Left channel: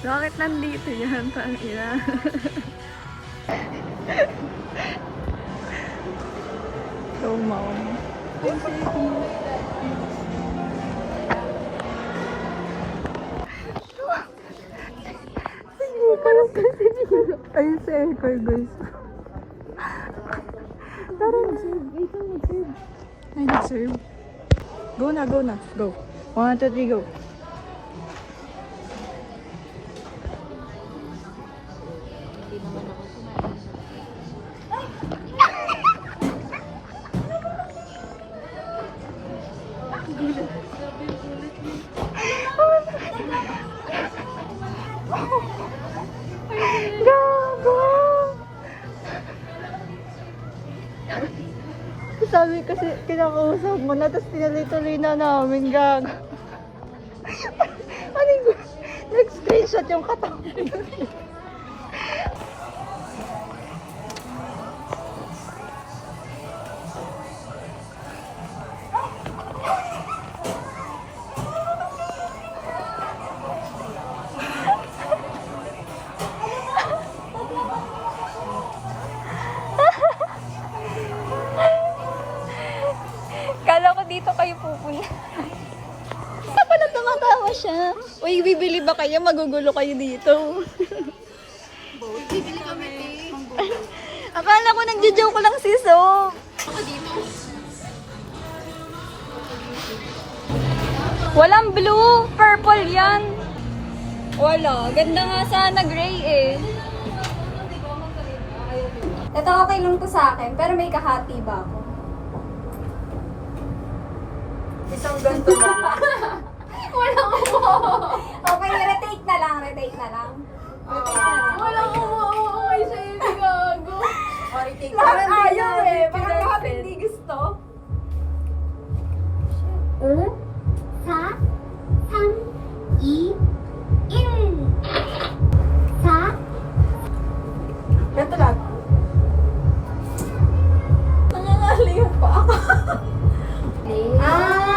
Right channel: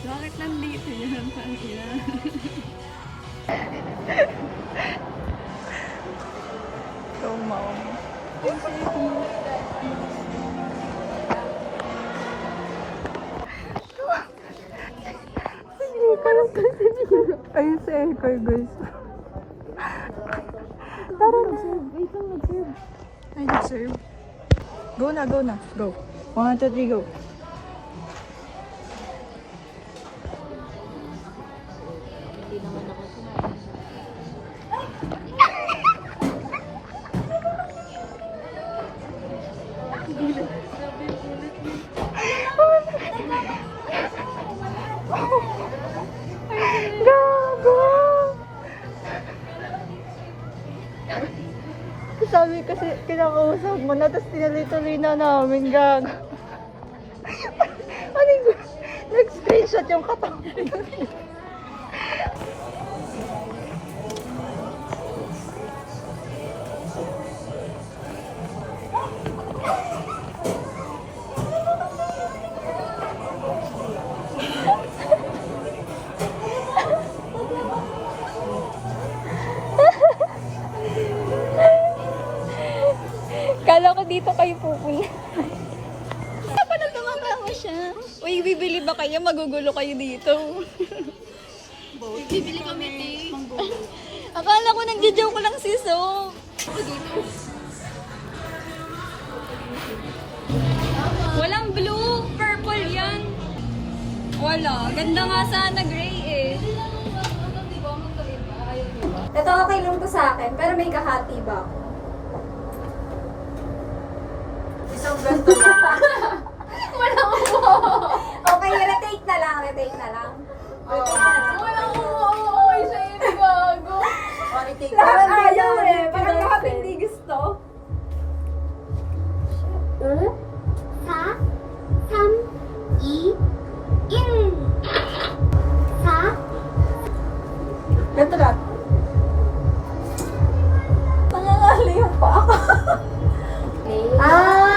Bakit nandito yan? Tangina. So, mom. Ayun si Elper, guys. Parang nag-serve. Wait lang, nag-serve. Ay, nag-serve. Go na, go na. Go. 1, 2, 3, go. Sabi kasi kinakausap mo na, tapos tinuloy-tuloy na namin, gag. Ano yun? Nag-screenshot yung katawan. Kala ko dito kayo pupunta. Pala tumatawa siya. Uy, bibili ba kayo? Magugulo kayo dito. Bibili kami, te. Akala ko nagjo-joke lang si So. Ako dito. Walang blue, purple yan. Wala. Ganda nga sana gray eh. Ito okay lang to sa akin, pero may kahati ba ako? Isang ganto na. Walang okay, retake na lang, retake na lang. Walang umuwi sa ibig, gago. Lahat ayaw eh, parang lahat hindi gusto. 사, 3, 2, 1. 4. Ganito lang. Nangangali yung pa ako. Ay!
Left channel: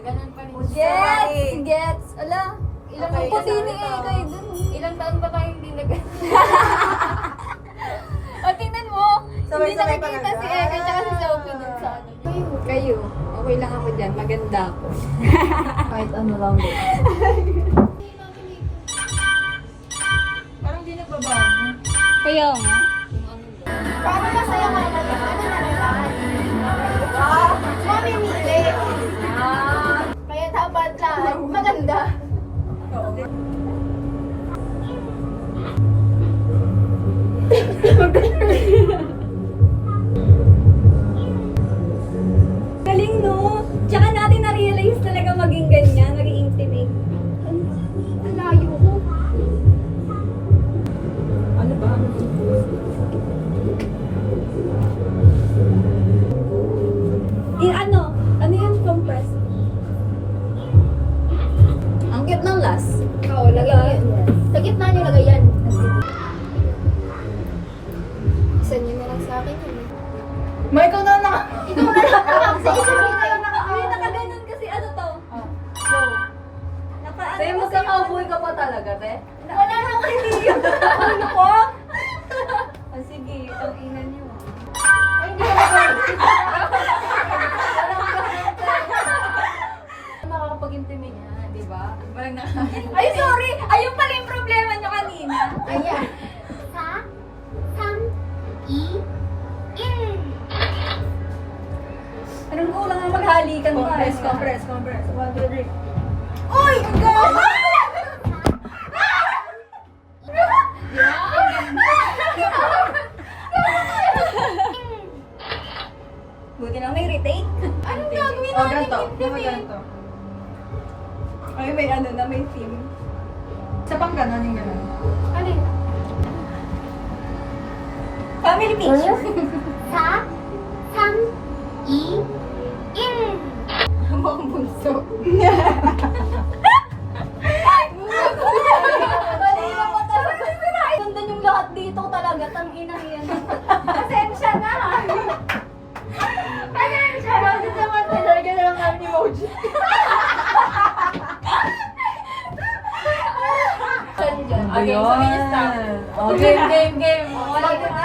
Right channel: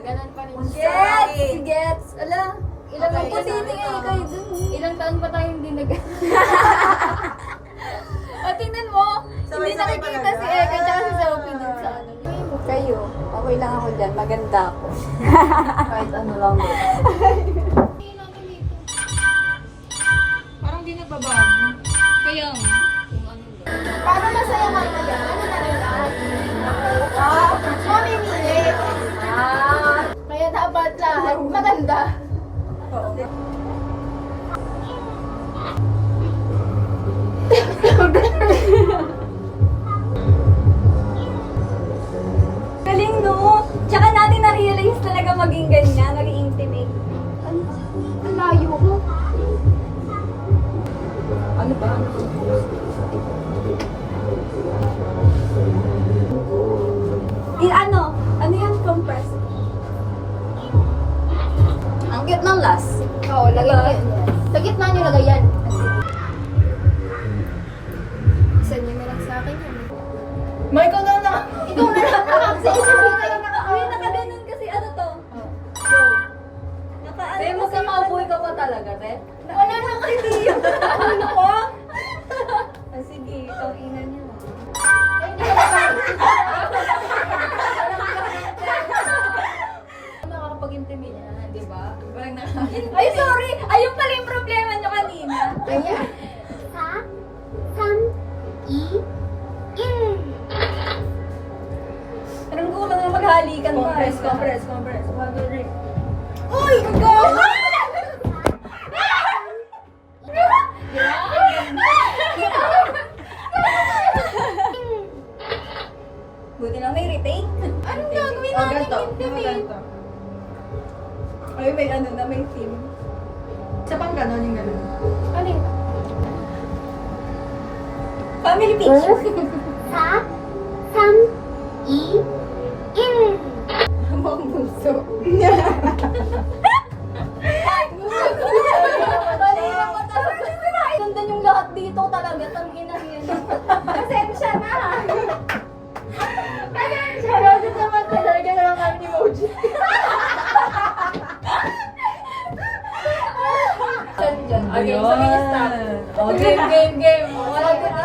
Ganun pa rin Gets! Gets! Ala, ilang Okay, ang puti kasama ni ka. kayo dun. Ilang taon pa tayo hindi nag... O, tingnan mo. Hindi Sabay-sabay nakikita pala. si Eka tsaka si Sophie dun sa ano niya. Kayo, okay lang ako dyan. Maganda ako. Kahit ano lang. Parang di nagbabago. Kaya nga. Paano masaya nga ba yan? Ano na lang? Mamimili. Kaya dapat lahat maganda. Galing no? Tsaka natin na-realize talaga maging ganyan, maging intimate. Ang layo ko. Ano ba? Ano yan? Compress. Ang cute ng last. Oo, lagyan niyo. Sa gitna niyo lagay yan. Isa niyo na lang sa akin yan. May ikaw na lang. Ikaw na lang nakaksa. Isa na lang. Ay, nakaganon kasi ano to? Go. Naka-ano Te, magkakauboy ka pa talaga, te. Wala naman hindi yun. Ano ko? Sige, itong ina niyo. Ay, hindi ka makakapag-intimate na, di ba? Parang Ay, sorry! Ayun pala yung problema niyo kanina. Ayan. 4, 3, 2, 1. Anong kulang nga maghalikan pa? Compress. 1, 2, 3. Uy! Ang gawa! Buti lang may retake. Anong gagawin Oh, natin? ganito. Intimate? Ay, may ano na, may theme. Sa pang ganon yung ganon. Ano yun? Family picture. 4, 3, 2, 1. Ang bunso. Kanina pa talaga. Ganda yung lahat dito talaga. Tangina yan. Pasensya na. Pasensya na. Bakit naman talaga lang ang emoji? game. Sabi niya stop. Oh, game. Wala ko na.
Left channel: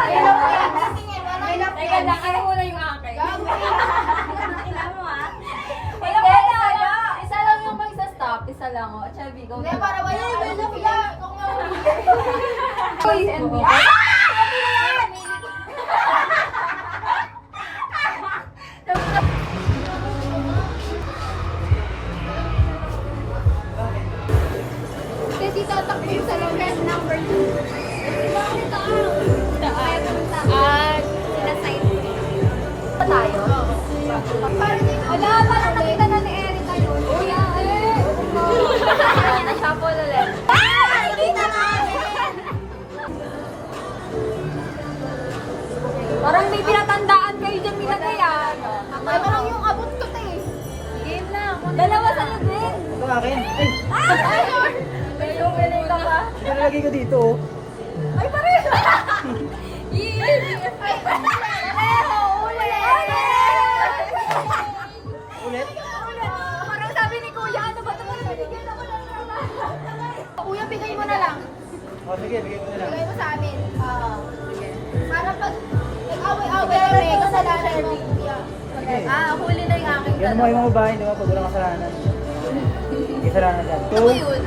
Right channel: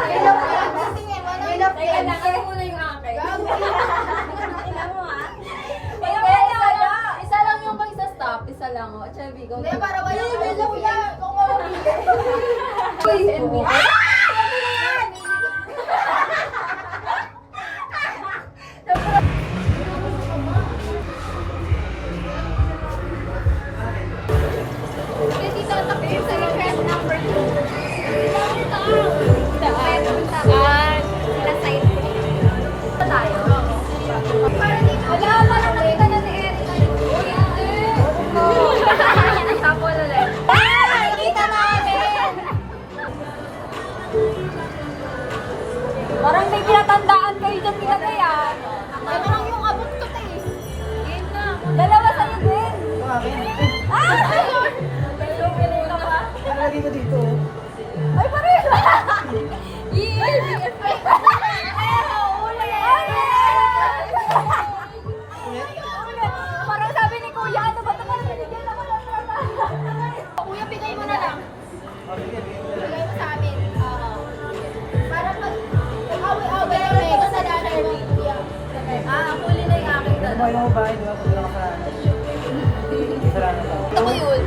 Teka lang, ano muna yung akin? Isa lang yung mag stop. Isa lang. O, Chubby, go. Hindi, para wala. Uy, NBA. Kasi tatakbo sa crush number 2. Saan? Sila side ko siya. Tayo? Wala, parang nakita na ni Eric. Uy, Tapos ulit. Nakita namin! Parang may pinatandaan kayo dyan ginagayan. Parang yung abot ko te. Dalawa sa'yo, Gwen. Akin. Nalagay ka dito. Ay, pareho! Ulit? Parang sabi ni Kuya, ano ba ito? Parang binigyan ako lang naman. Kuya, bigay mo na lang. O, sige, bigay mo na lang. Bigay mo sa amin. Para pag away-away kami, kasalanan mo, Kuya. Huli na yung aking Ganun mo yung mga bahay, di ba? Pag walang kasalanan. Kasalanan lang. Ako yun.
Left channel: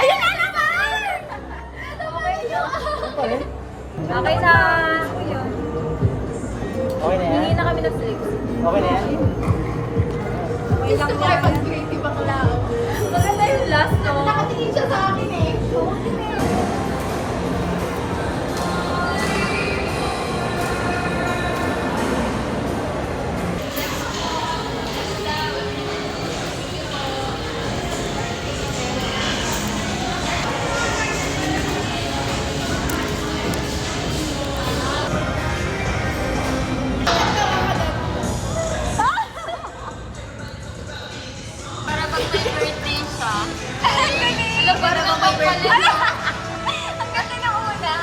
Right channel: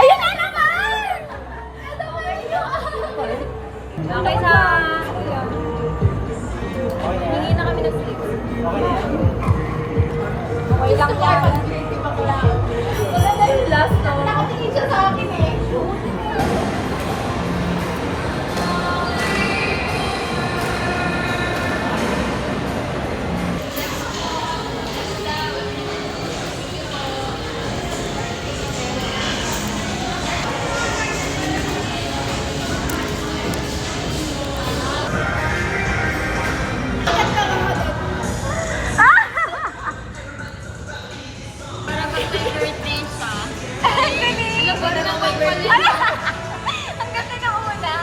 Ayun na naman! Ito mo yun! Okay na. Okay na yan? Hindi na kami nag-sleep. Okay na yan? Gusto ko ay pag-creative ako lang. Maganda yung last, no? Nakatingin siya sa akin eh. Oo, din eh. Ang galing! Parang may birthday. Ang ganda na una.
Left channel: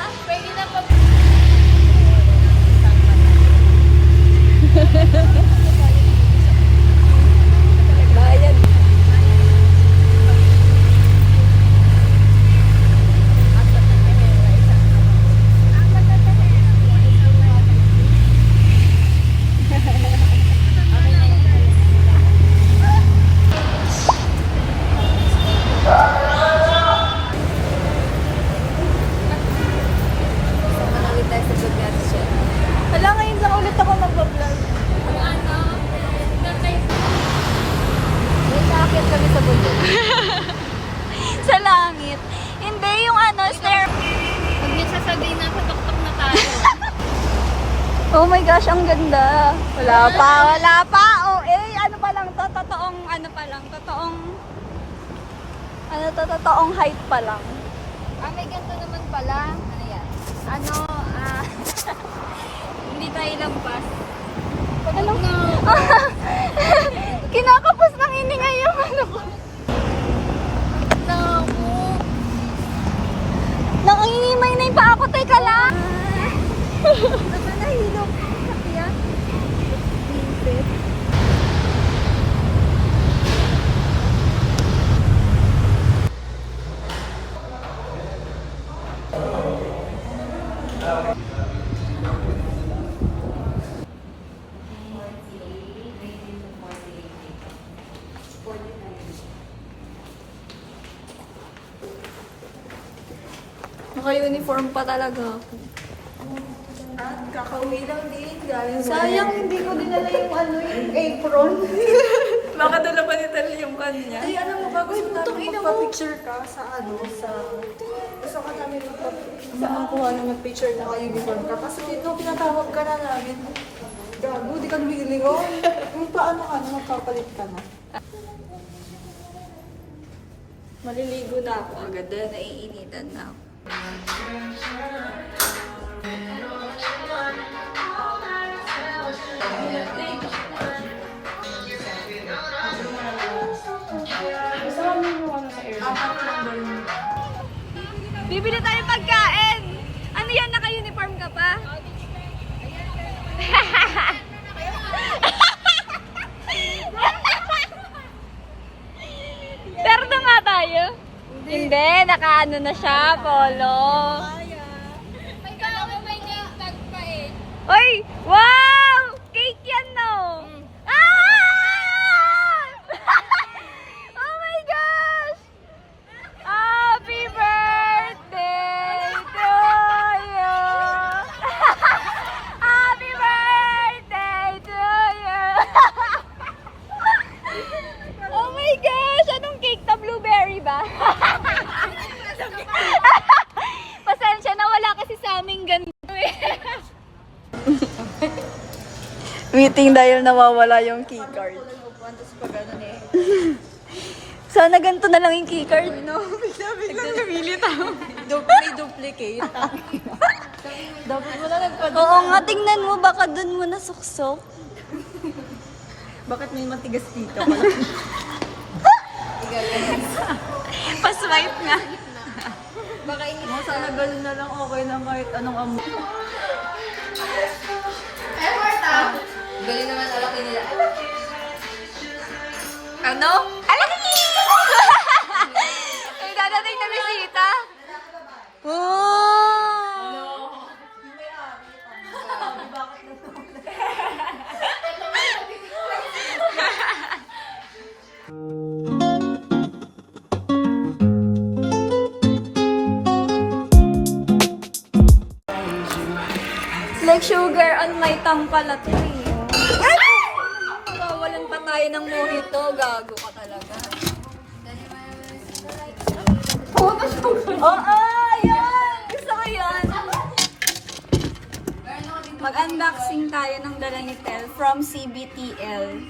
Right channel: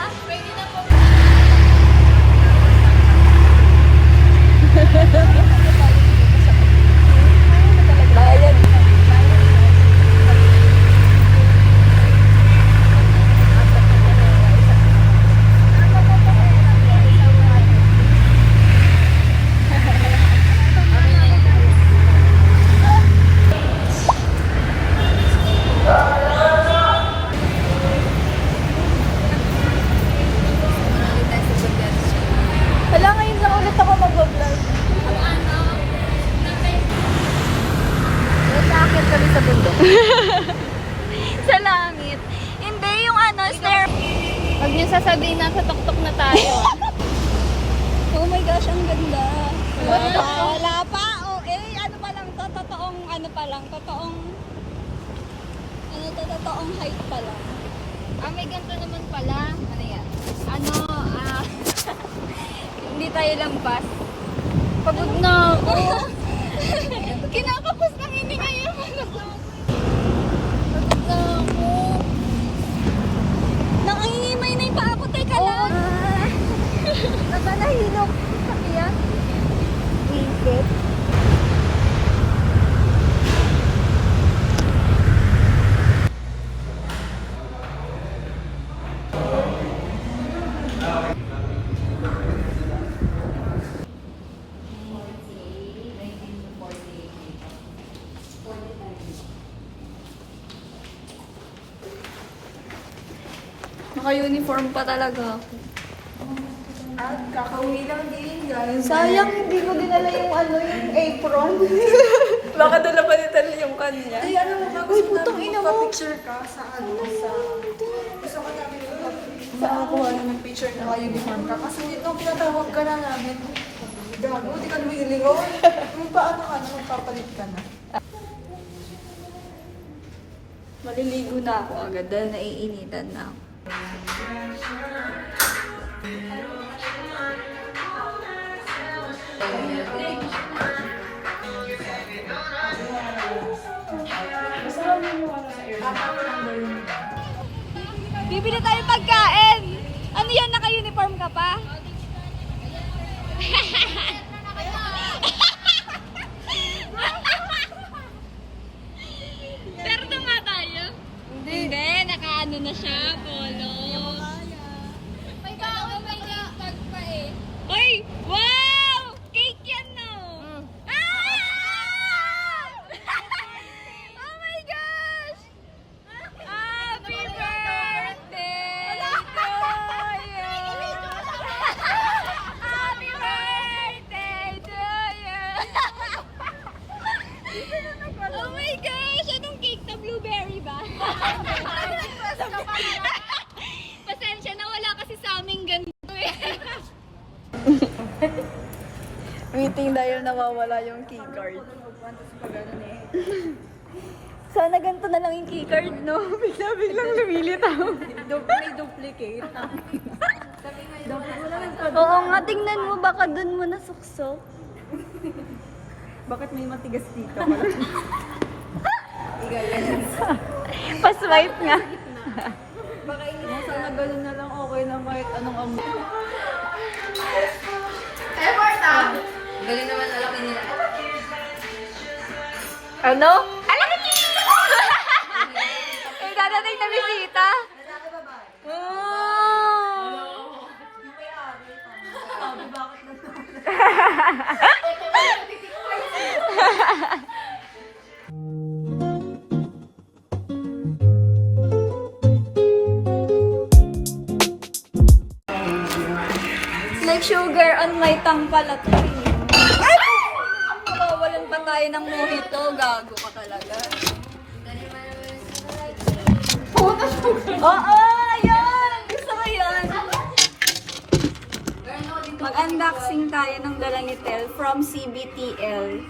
Hala, ngayon lang ulit ako mag-vlog. Sa langit. Hindi, yung ano, stair. Huwag niyo sasabihin na katuktok na tayo. Oh my gosh, ang ganda. Wala pa. O, ano pa lang to? Totoong, ano pa lang? Totoong height pa lang. May ganito naman pala. Ano yan? Hindi tayo lampas. Pagod na. Kinakapos ng hininga yung ano ko. Pagod na ako. Nangingimay na yung paa ko. Teka lang. Nakalahilok. Sakyan. Wingfit. Naka-uniform pa talaga ako. At kakauwi lang din, guys. Sayang, hindi ko dinala yung yung apron. Baka dala pa ni Tal yung kanya. Ay, ano mo ba? Uy, Gusto putang namin ina mo. magpa-picture ka sa sa... Gusto ko namin magpa-kuha ng picture na kayo uniform ka. Kasi nung pinatawag ka na namin, gago, di ka lumilingon. Yung paano ka na, magpapalit ka na. Maliligo na ako agad dahil naiinitan na ako. Bibili tayo pagkain! Ano yan? Naka-uniform ka pa? Pero nga tayo. Hindi, nakaano na siya, polo. May baon may name tag pa eh. Uy! Wow! Cake yan, no? Ah! Oh my gosh! Happy birthday to you! Happy birthday to you! Oh my gosh! Anong cake to? Blueberry ba? Pasensya na, wala kasi sa aming ganito eh. Meeting dahil nawawala yung keycard. Sana ganito na lang yung keycard, no? Biglang lumilitaw. Duplicate. Oo nga, tingnan mo, baka dun mo nasuksok. Bakit may matigas dito? Pa-swipe nga. Sana ganun na lang okay na kahit anong amo. Galing naman alaki nila. Ano? Alaki! May dadating na bisita. Oh! Like sugar on my tongue pala to. Ay! Mawawalan pa tayo ng mojito. Gago ka talaga. Oo, yun! Gusto ko yun. Mag-unboxing tayo ng dala ni Tel from CBTL.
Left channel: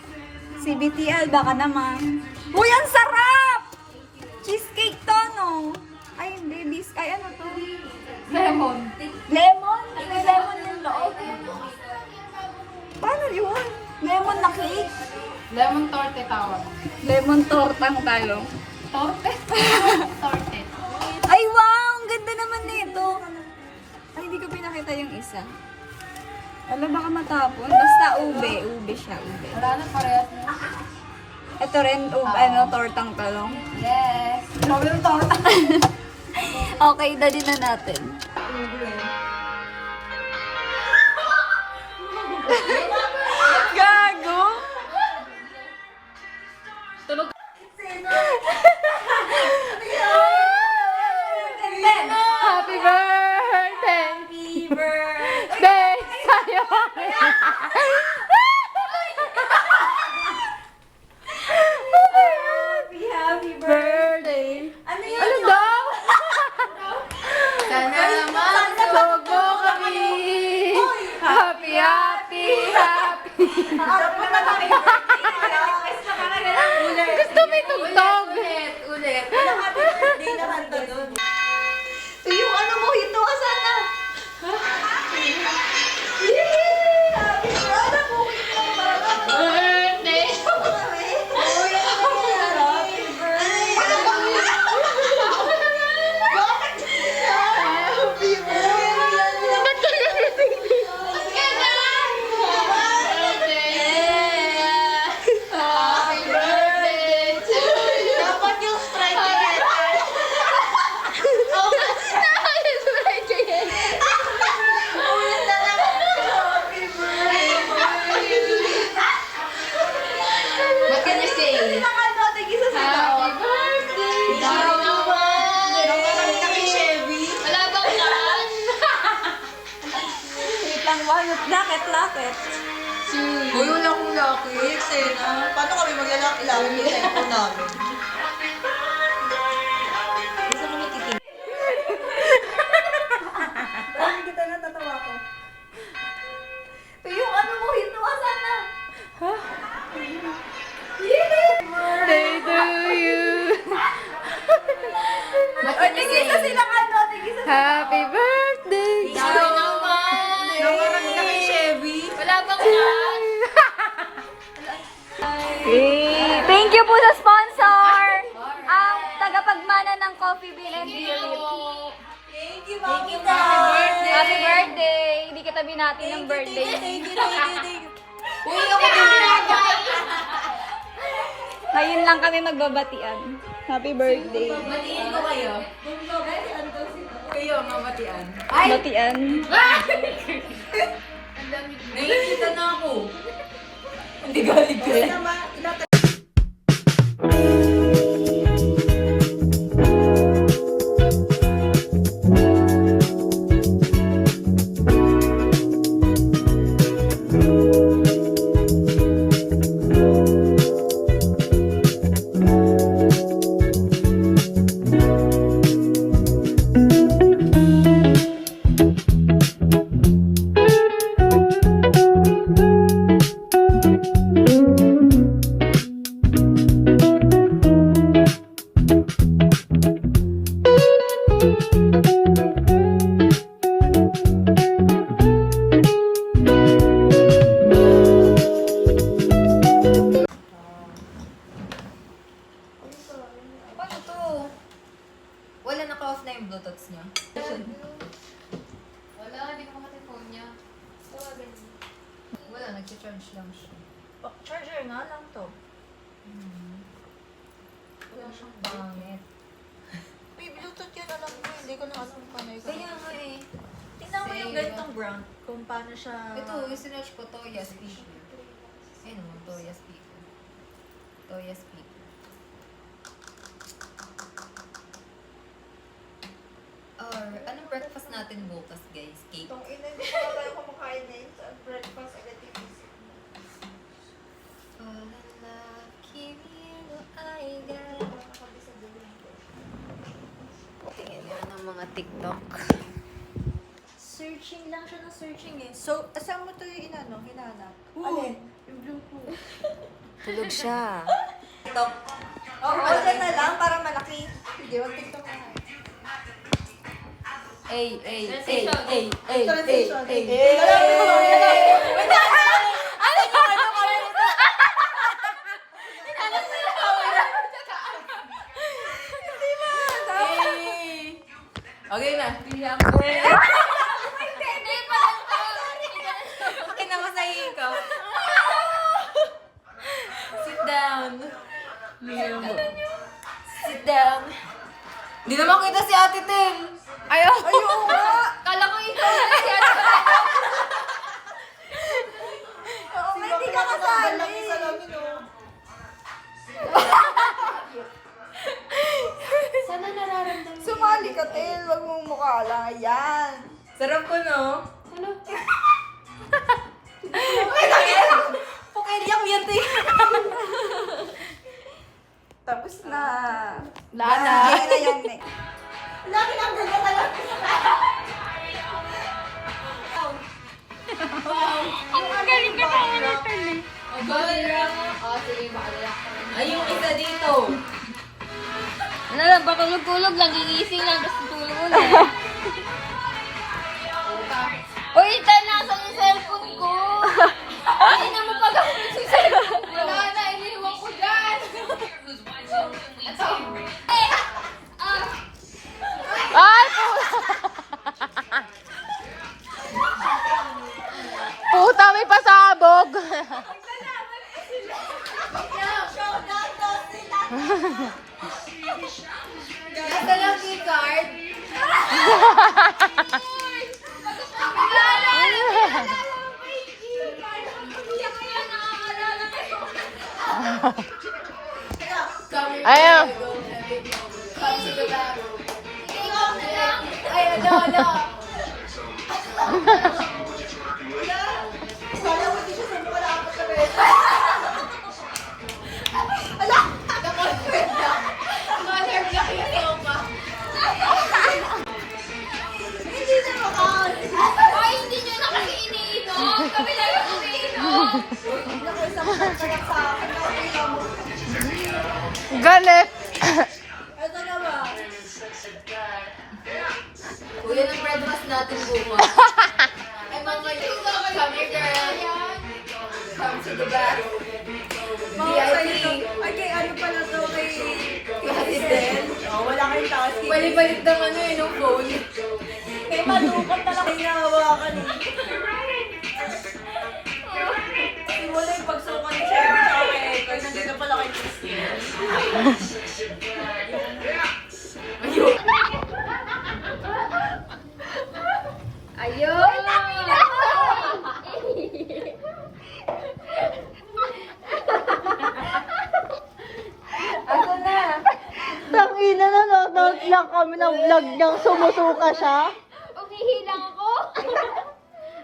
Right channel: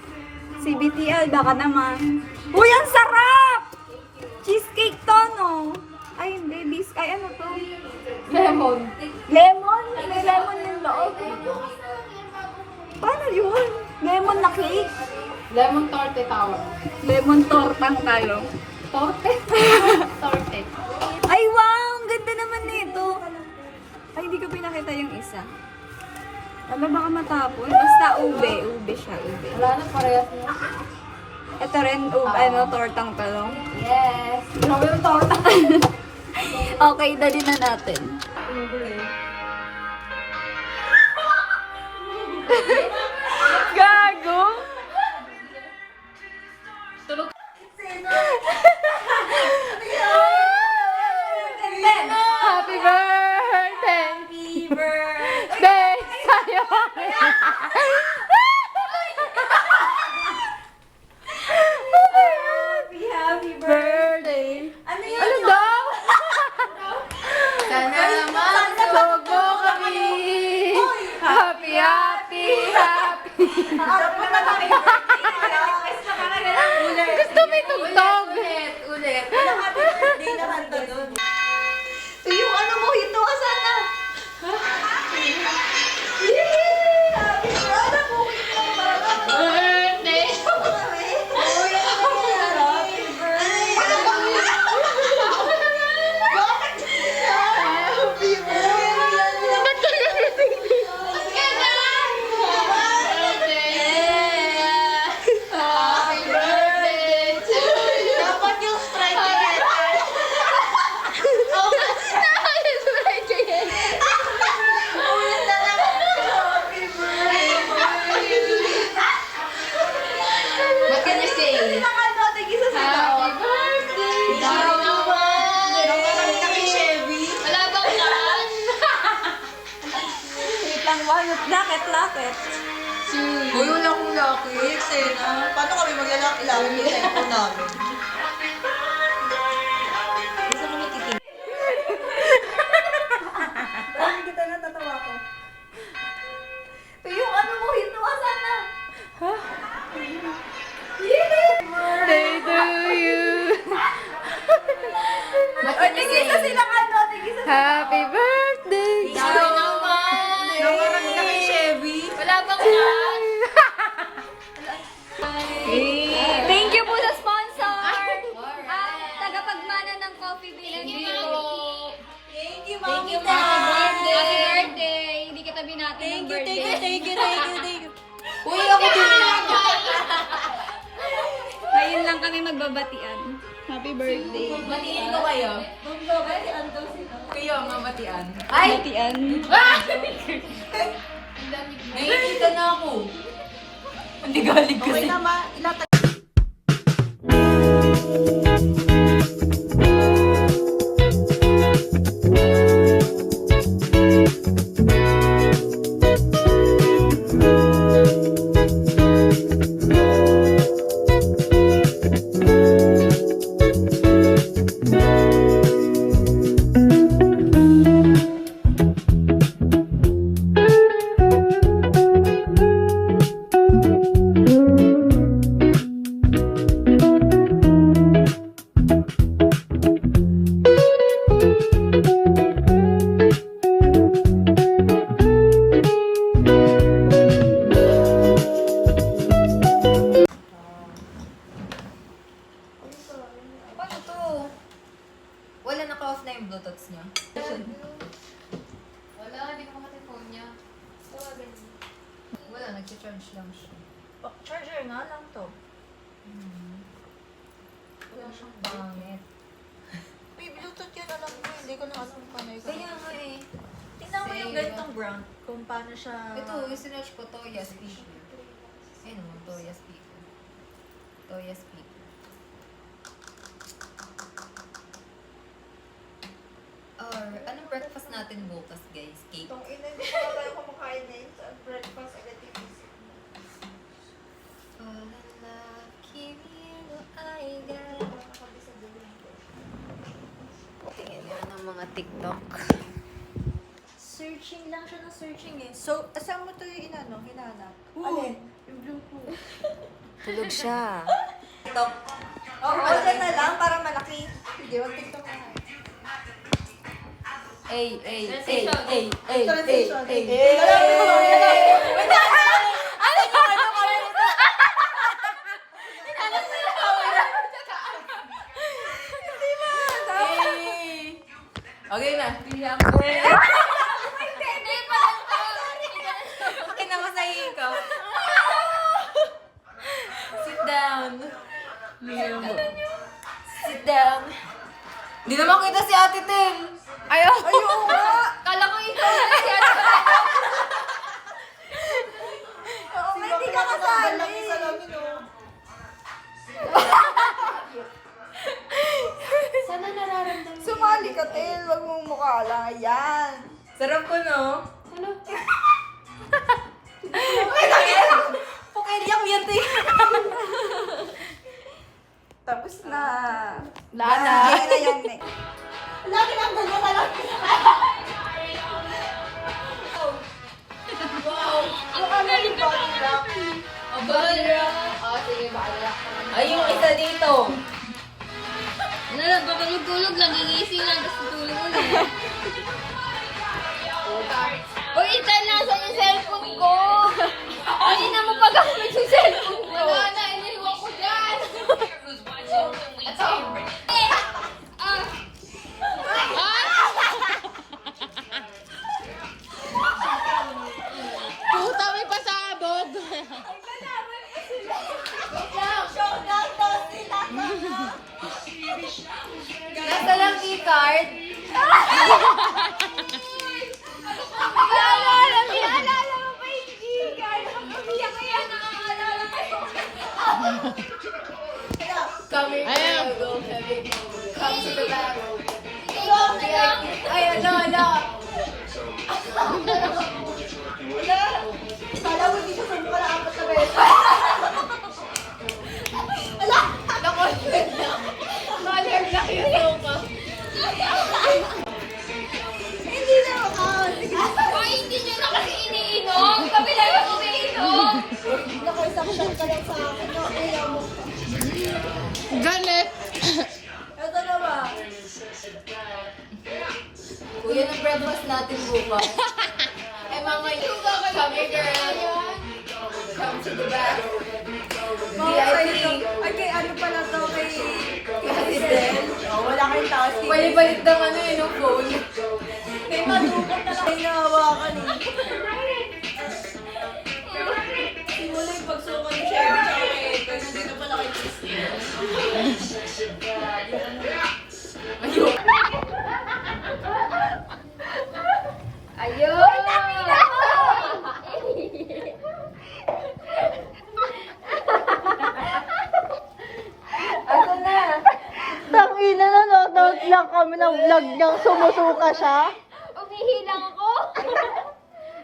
CBTL, baka naman. Uy, ang sarap! Cheesecake to, no? Ay, hindi. Ay, ano to? Lemon? May lemon yung loob. Paano yun? Lemon na cake? Lemon torte tawag. Lemon tortang talong. Torte? Torte. Ay, wow! Ang ganda naman nito. Ay, hindi ko pinakita yung isa. Ano, baka matapon. Basta ube. Ube siya, ube. Wala na parehas na. Ito rin, ano, tortang talong. Yes. Grabe yung torta. Okay, dali na natin. Gago! Happy birthday! Happy birthday sa'yo! Happy birthday! Ano daw? Sana naman sogo kami! Happy, happy, happy! Gusto may tugtog! Ulit! Birthday na kanta doon. Yung ano mo, ito ka sana! Birthday! What can you say? Happy birthday! Wala bang cash? Wait lang, lakit. Uy, wala akong lakit. Sena. Paano kami maglalaki-laki yung cellphone namin? Gusto mo natitingin? Bakit kita natatawa ko? Yung ano mo, ito ka sana! Birthday to you! What can you say? Happy birthday! Sorry naman! Nakarami na kay Chevy. Wala bang cash? Thank you po sa sponsor! Tagapagmana ng Coffee Bean & Beauty. Thank you, Thank you, Mami. Happy birthday! Hindi kita binati ng birthday. Thank you. Uy, ako din! Ngayon lang kami magbabatian. Happy birthday. Matiin ko kayo. Kayo, mamatian. Batian. Nakikita na ako. Hindi galig ko rin. Paano to? Wala naka-off na yung Bluetooth niya. Wala, hindi ko makati phone niya. Wala, nag-charge lang siya. Charger nga lang to. Wala siyang pangit. May Bluetooth yan, alam ko. Hindi ko na alam paano ikaw. Kaya nga eh. Tingnan mo yung ganitong brand. Kung paano siya... Ito, yung sinerch ko, Toya speaker. Ayun mo, Toya speaker. Toya speaker. Or, anong breakfast natin bukas, guys? Cake? Itong ina, hindi ko na tayo kumakain na yun sa breakfast agad yung Fall in love, kimi no aiga. Tingin nga ng mga TikTok. Searching lang siya ng searching eh. So, saan mo ito yung hinanap? Alin? Yung Bluetooth. Tulog siya. TikTok. Oo, dyan na lang para malaki. Hindi, wag TikTok na. Transition. Okay na. Kinamasahin ko. Sit down. Sit down. Hindi naman kita si Ate Ten. Ayaw. Ayun nga! Kala ko ikaw na si Ate Ten. Oo, hindi ka kasali. Salamin oh. Sana nararamdaman. Sumali ka, Tel. Wag mong mukha lang. Ayan. Sarap ko, no? Ano? Pukaiyak yan, Ten. Tapos na. Lana. Sige na yung neck. Lagi lang ganyan talaga. Ang galing ka pa natin. Balak. Sige, balak. Ay, yung isa dito. Ano lang, patulog-tulog lang, gigising lang, tapos tutulog ulit. Uy, Tan, nasa yung cellphone ko! Hindi na mo pagkakulog yung cellphone ko! Wala na, iniwan ko dyan! Ay! Puta, may pasabog! Nasa lang keycard. Ayaw! Ay, ala. Kala mo dito sa mga apat na beses. Hindi na makakasig. Ay, hindi nyo na kasi iniinom! Kami lang yung umiinom! Nakasaktan ka lang sa akin. Galit! Ito na ba? Kuya, ng breakfast natin bukas. Ay, mga yuga ka kami, girl. Come to the back. VIP. Ay, kay ano pala to? Kay Hazel. Oh, wala kayong task. Balik-balik ng ano eh, yung phone. May malupot na lang hinahawakan eh. Simula yung pagsukan ni Sherry sa akin. Kaya nandito pala kay Christine. Nanonood lang kami ng vlog niyang sumusuka siya. Umihilang ako.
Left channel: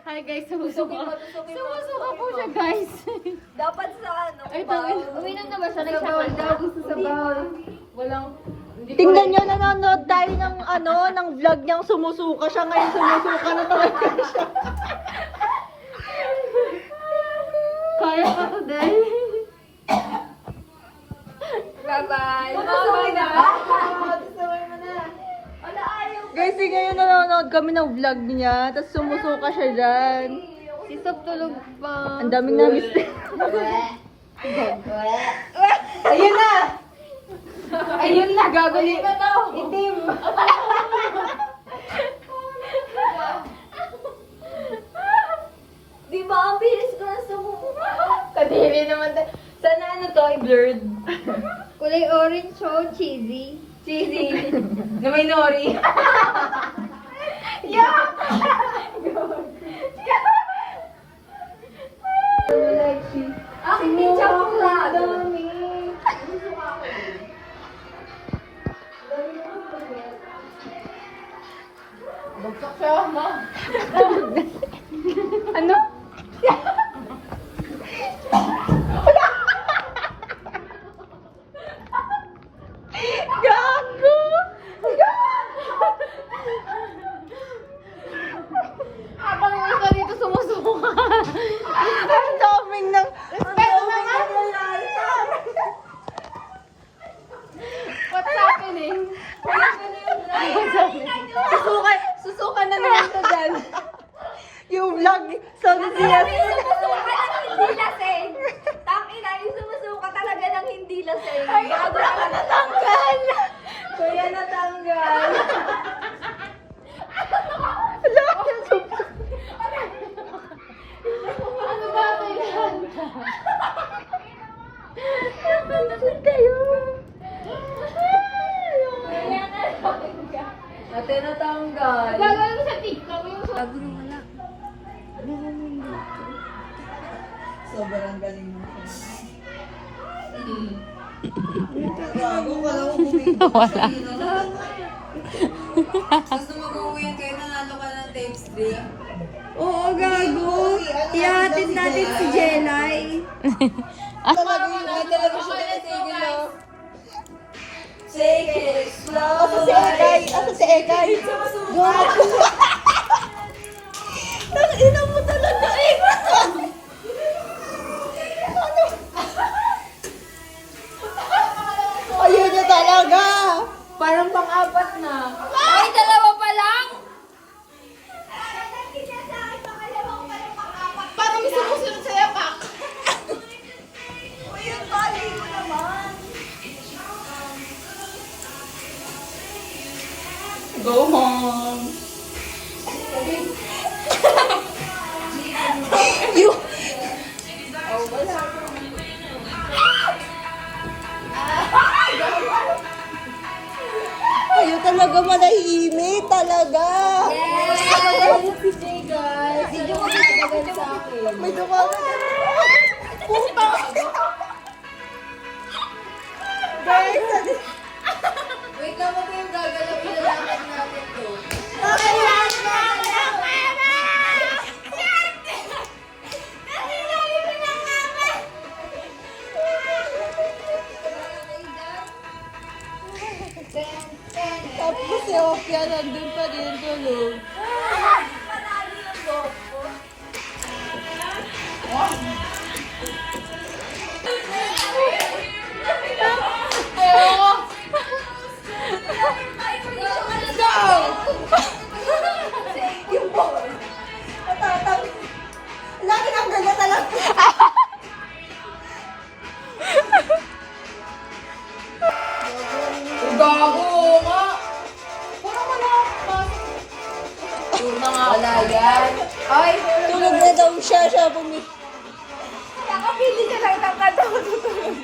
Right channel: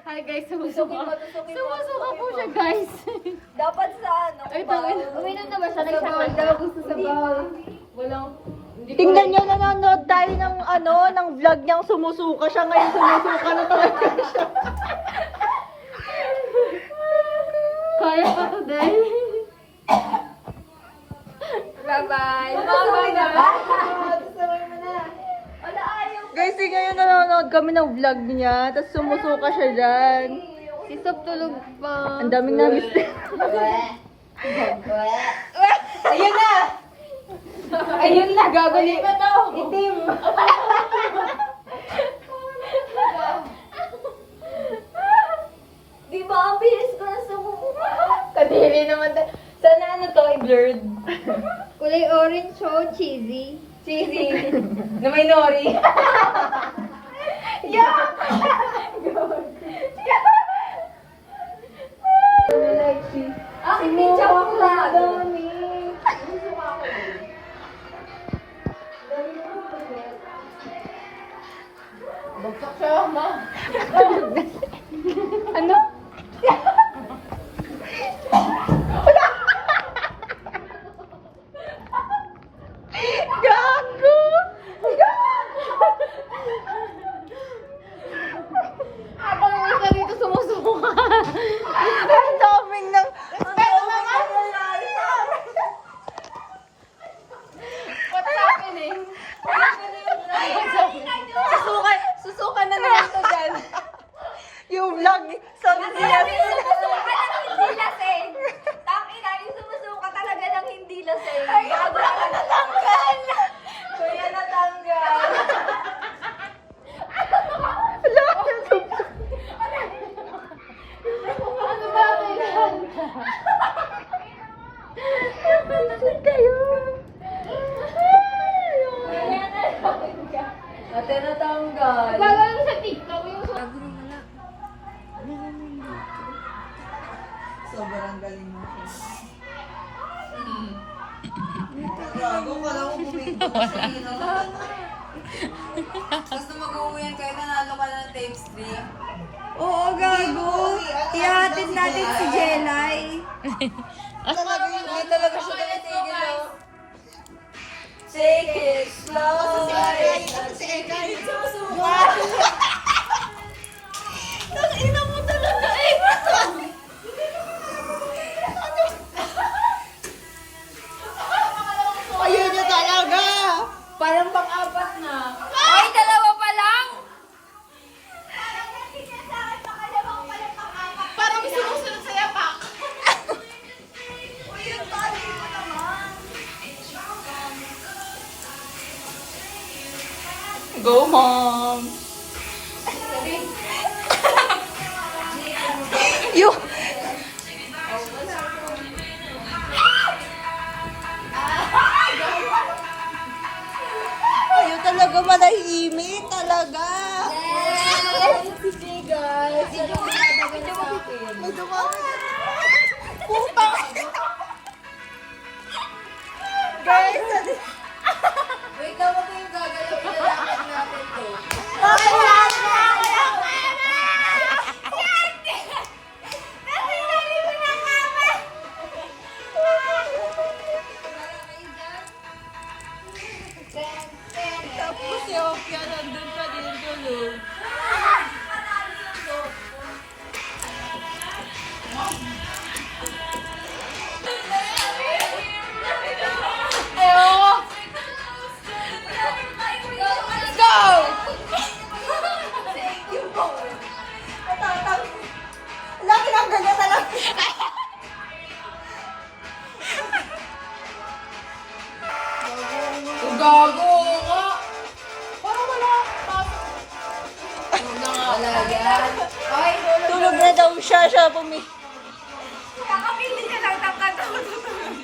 Hi guys, sumusuka. Sumusuka po siya guys. Dapat sa ano? Uminom na ba siya? Nag-shower daw. Gusto sa bawal. Walang... Tingnan niyo, nanonood tayo ng ng vlog niyang sumusuka siya. Ngayon sumusuka na talaga siya. Kaya ako din. Bye-bye. Tutuloy na ba? Guys, ngayon nanonood kami ng vlog niya. Tapos sumusuka siya dyan. Isap tulog pa. Ang daming na-miss. Ayun na! Ayun na, gagaling pa tao. Itim. Di ba ang bilis ko na sumuka? Kadiri naman. Sana ano to, blurred. Kulay orange o cheesy. Cheesy. Na may nori. Ang hindi chocolate. Bagsak siya, ma. Ano? Gago! Habang isa dito sumusuka. Ang daming ng... What's happening? Susuka na naman to dyan. Yung vlog, sabi siya. Hindi lasing. Tangina, yung sumusuka talaga ng hindi lasing. Bago ka natanggal. Kuya natanggal. Ano ba kailangan? Nasaan kayo? Ate natanggal. Wala lang sa TikTok yung Bago na wala. Sobrang galing mo. Gago, wala ko bumibig. Tapos nung mag-uwian kayo, nanalo ka ng tapes drink. Oo, gago. Ihatid natin si Jelay. Talaga yun, talaga siya natigil, oh. Take it slow. Si Ekay. Tangina mo talaga, Ekay. Ayun na talaga. Parang pang-apat na. Ay, dalawa pa lang? Parang may sumusunod sa yapak. Go, Mom! Yung... Ayaw talaga manahimik, talaga. Si Jay, guys. Hindi mo sinatagal sa akin. May dumagan. Puta! Guys, Wait lang mo ito yung gagalaw. Ilalakad natin to. kailan na! Tapos si Opia nandun pa din tulog. Let's go! Lagi lang ganyan talaga. Gago nga! Parang wala. Tuna nga. Wala yan. Ay, Tulog na daw siya bumit. Nakapili siya lang tangkad ako tutulog.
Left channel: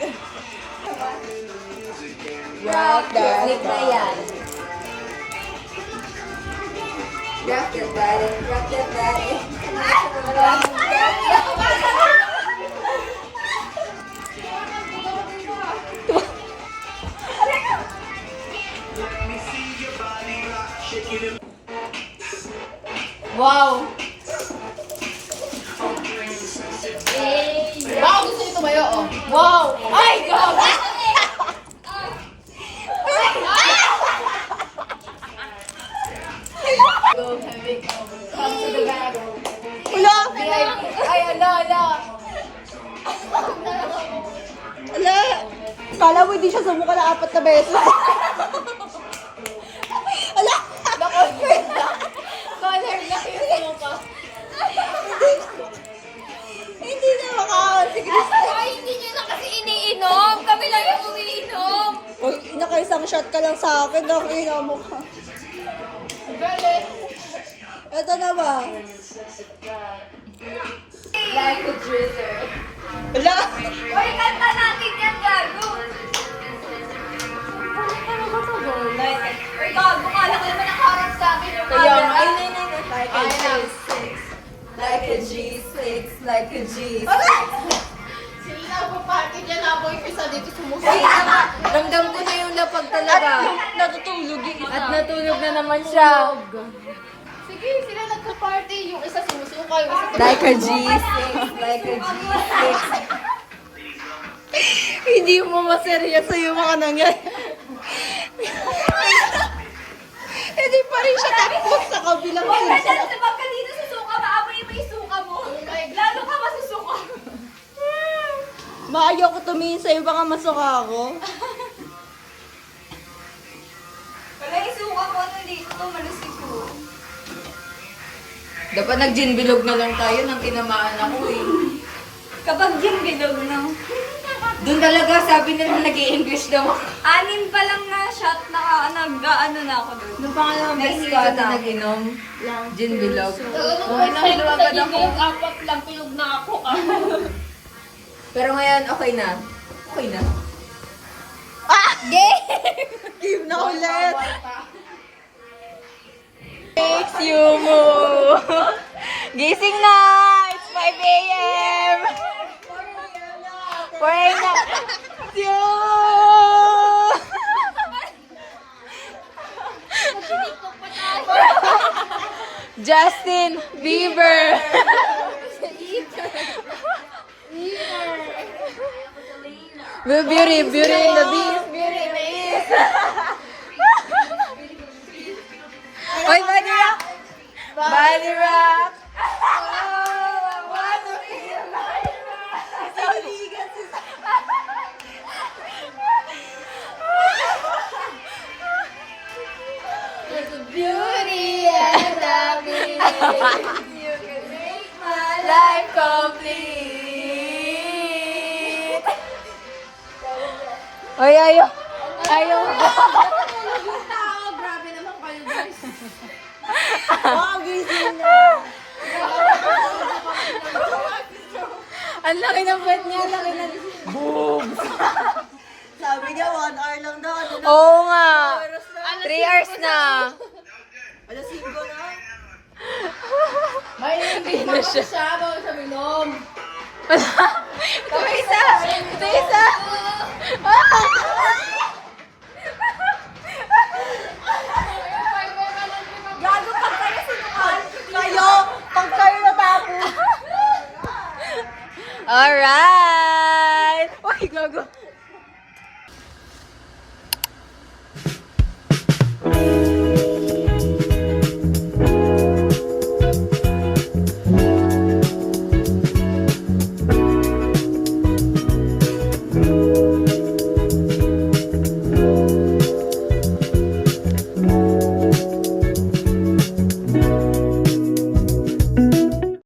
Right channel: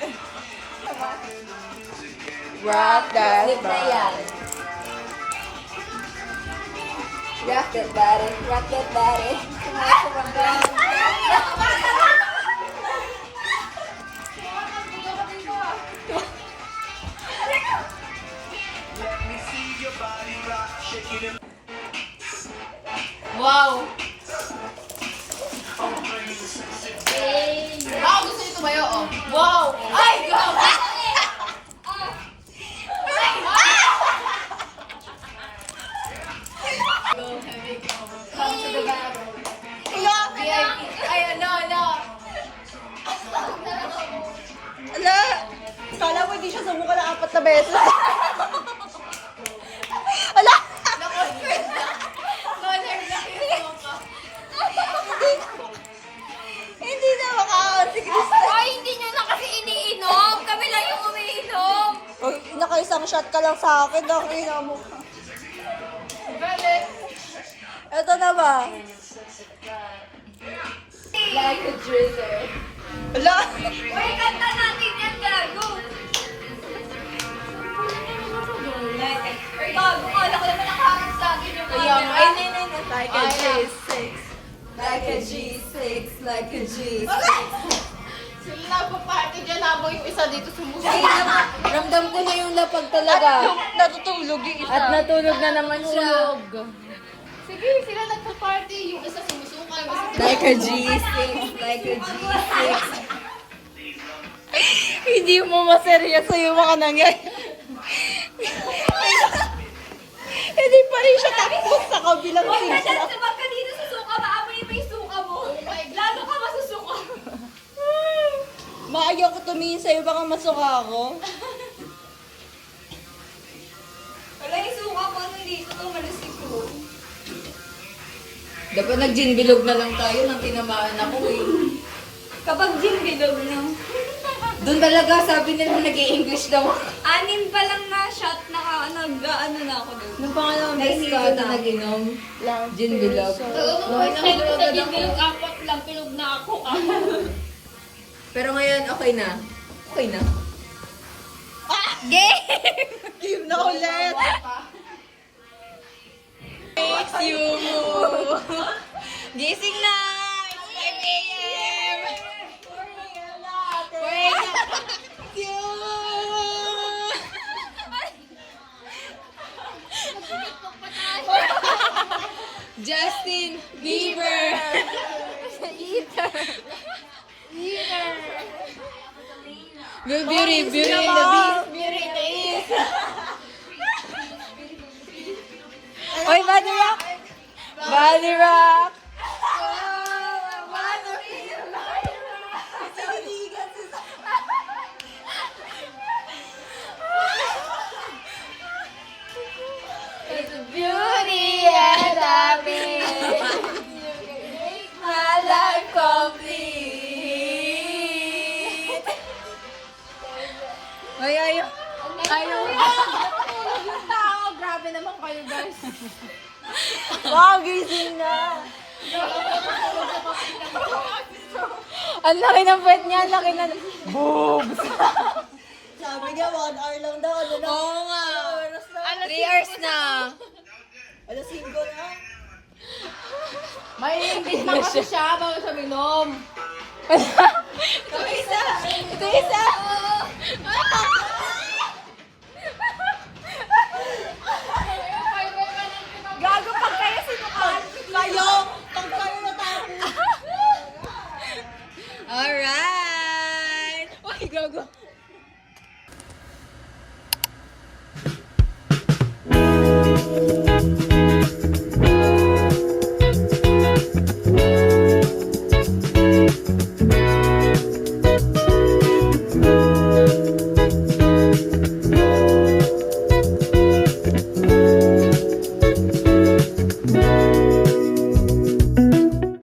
rock that. Slip na yan. Rock that body, rock that body. Wow! Wow, gusto nito tumayo, oh. Wow! Ay, wow! Ay, ala. Ala! Kala mo di siya sumuka na 4 na beses. Ala! Hindi na makakaon si Krista. Ay, hindi niya na kasi iniinom. Kami lang yung umiinom. Uy, naka-isang shot ka lang sa akin. Nakina mo ka. Galit. Ito na ba? Like a drizzle. Ala! Uy, kanta natin yan, gago. Uy, gago, kala ko naman nakaharap sa akin yung camera. Like a G6. Like a G6. Like a G6. Sila nagpa-party dyan, habang yung isa dito sumusunod. Ay, ramdam ko na yung lapag talaga. Natutulog yung isa. At natulog na naman siya. Sige, sila nagpa-party. Yung isa sumusuka, yung isa Like a G6. Like a G6. Hindi mo maseryoso yung mga nangyayari. Hindi pa rin siya tapos sa kabilang Huwag ka sila. dyan, sabag ka dito sa suka, maamoy pa yung suka mo. Lalo ka masusuka. Maayaw ko tumingin sa'yo, baka masuka ako. Wala yung suka ko nandito to, malasig ko. Dapat nag-gin bilog na lang tayo nang tinamaan ako eh. Kapag gin bilog na. Doon talaga sabi nila nag-i-English daw. 6 pa lang na shot na nag-ano na ako doon. Nung pangalawang beses ka na nag-inom. Gin bilog. First time ko sa gigilog, 4 lang, tulog na ako. Pero ngayon, okay na. Okay na. Team na ulit. Thanks you mo. Gising na! It's 5 a.m. 4 a.m. Justin Bieber! Beauty in the beast, beauty in the east. Oy, body rock! Body rock! Oh, I wanna feel like beauty and the beast. You can make my life complete. Oy, ayaw. Ayaw. Grabe naman kayo, guys. Wow, gising na. Ang laki ng puwet niya, ang laki ng boobs. Sabi niya, 1 hour lang daw. Ano na? Oo nga. 3 hours na. Alas 5 na. May ingit na kasi siya, bawal sa minom. Ito isa. Ito isa. Gago pag kayo sinukal. Kayo! Pag kayo natapos. Alright. Uy, gago.